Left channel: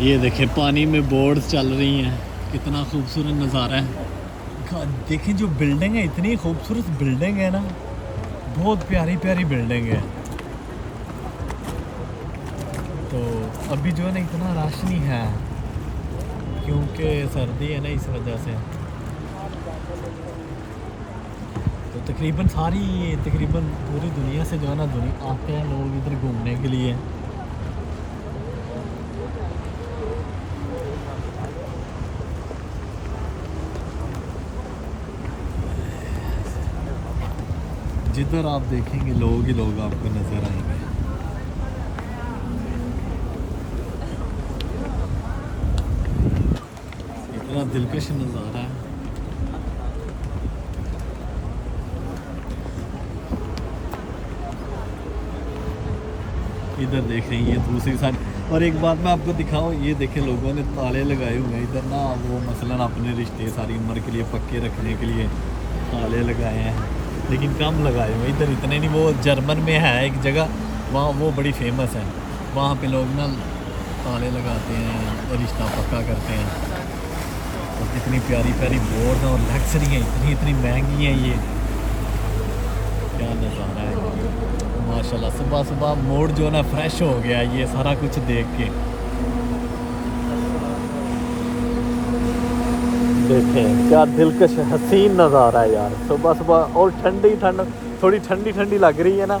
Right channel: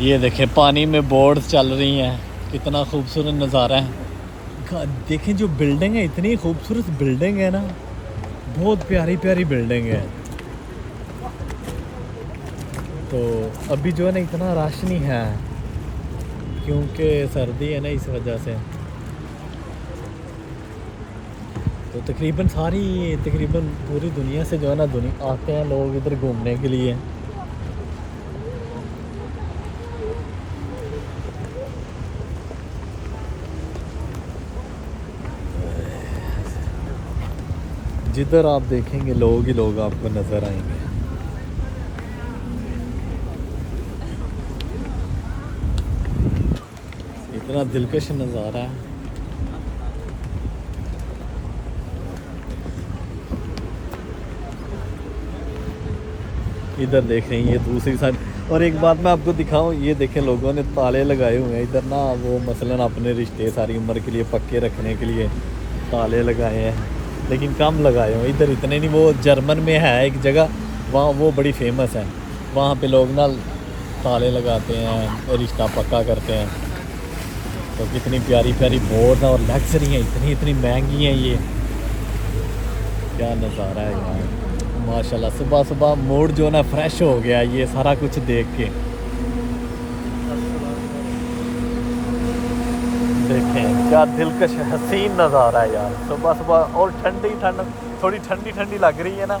ये देखें पानी में बोट्स चल रही हैं, कितना खूबसूरत नज़ारा है। देखें जो बिल्डिंग है, इतनी खूबसूरत बिल्डिंग है ना, बहुत प्यारी प्यारी बिल्डिंग है। तो अभी जो है ना इतना रश नहीं है क्योंकि सर्दी है ना, इस वजह से। तो तकरीबन पूरी दुनिया से जो है ना आते हैं लोग इधर घूमने के लिए। जिधर आप देखेंगे लोग ही लोग आपको नज़र आएंगे। इतना दिलकश नज़ारा है। इधर देख रहे हैं ये दूसरी साइड। और एक बात मैं आपको दिखाऊं, ये देखें लोगों ने ताले लगाए हुए हैं इधर ना, वो मसलन अपने रिश्ते सारी उम्र के लिए पक्के रखने के लिए ताले लगाए हैं, लेकिन कम लगाए हुए इधर इतने नहीं। वो जर्मन में है एक जगह, वहाँ वो बड़ी फेमस है, वहाँ पे लोग ना ताले लगाते हैं, रिश्ता पक्का करते हैं। तो कितनी प्यारी प्यारी बोर्ड और लग्जरी हैं, इतनी महंगी हैं ये। क्या नज़ारा है यार माशाल्लाह। सुबह सुबह मूड जो है ना फ्रेश हो गया ये सारा कुछ देख के। देखें क्या दिलकश हसीन नज़ारा है यार सुबह सुबह। और थोड़ी ठंडी लग रही है ना,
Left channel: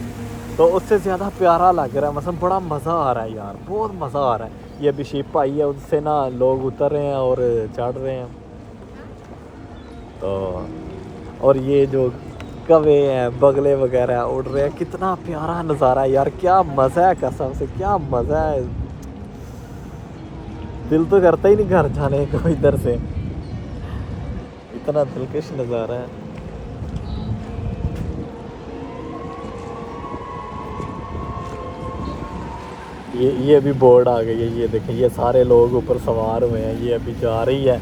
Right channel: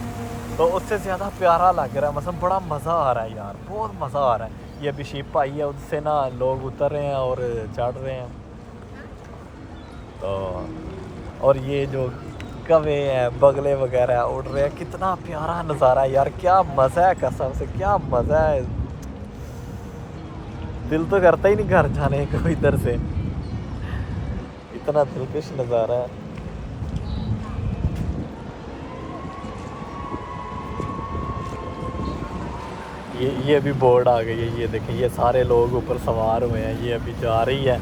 तो उससे ज़्यादा प्यारा लग रहा है। मतलब बड़ा मज़ा आ रहा है यार, बहुत मज़ा आ रहा है। ये अभी शिप आई है, उससे ना लोग उतर रहे हैं और चढ़ रहे हैं। तो और ये जो कवे हैं, बगले वगैरह उड़ रहे हैं, कितना प्यारा नज़ारा है यार। क्या मज़ा है, कसम से क्या मज़ा है। दिल तो करता ही नहीं घर जाने को इधर से, इतना दिलकश नज़ारा है। ये अभी बोर्ड आ गई है, ये देखें ये सारे लोग ऊपर सवार हुए हैं, ये अभी जा रही है।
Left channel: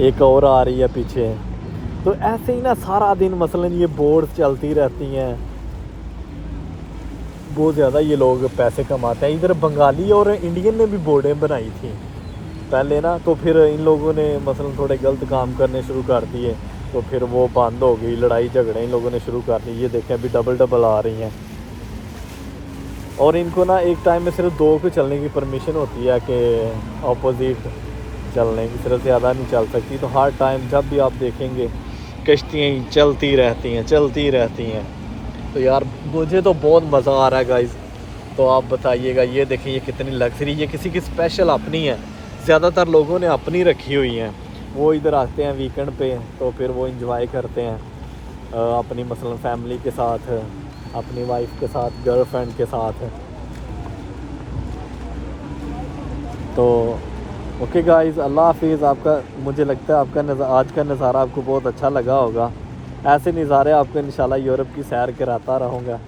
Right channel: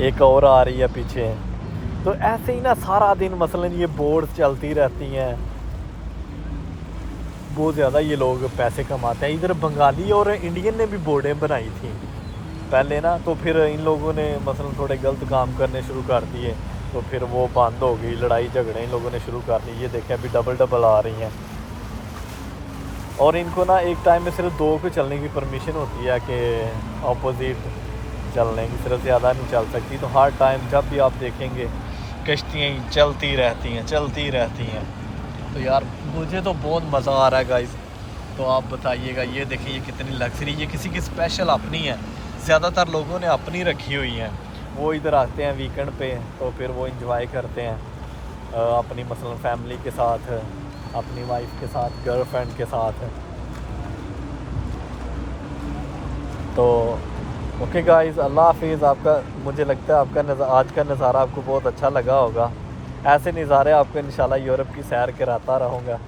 एक और आ रही है पीछे। तो ऐसे ही ना सारा दिन मसलन ये बोर्ड चलती रहती हैं, बहुत ज़्यादा ये लोग पैसे कमाते हैं। इधर बंगाली और इंडियन ने भी बोर्डें बनाई थी पहले ना, तो फिर इन लोगों ने मसलन थोड़े गलत काम करने शुरू कर दिए, तो फिर वो बंद हो गई, लड़ाई झगड़े इन लोगों ने शुरू कर दी। ये देखें अभी डबल आ रही हैं। और इनको ना एक टाइम में सिर्फ 2 को चलने की परमिशन होती है कि ऑपोजिट चलने की, सिर्फ ज़्यादा नहीं चल सकती। तो हर टाइम जब भी आप देखेंगे कश्तियाँ चलती रहती हैं। तो यार मुझे तो बहुत मज़ा आ रहा है गाइस। तो आप बताइएगा। ये देखिए ये कितनी लग्जरी, ये किसी की स्पेशल अपनी है, ज़्यादातर लोगों ने अपनी रखी हुई हैं। वो इधर आते हैं वीकेंड पे, तो फिर वो इंजॉय करते हैं अपनी मसलन फैमिली के साथ, अपनी वाइफ के साथ, गर्लफ्रेंड के साथ। तो ओके गाइस, अल्लाह हाफिज़। आपका मुझे लगता है आपका आज का नज़ारा आपको बहुत अच्छा लगा होगा। ऐसे नज़ारे आपको इंशाल्लाह यूरोप की सैर कराता रहूँगा।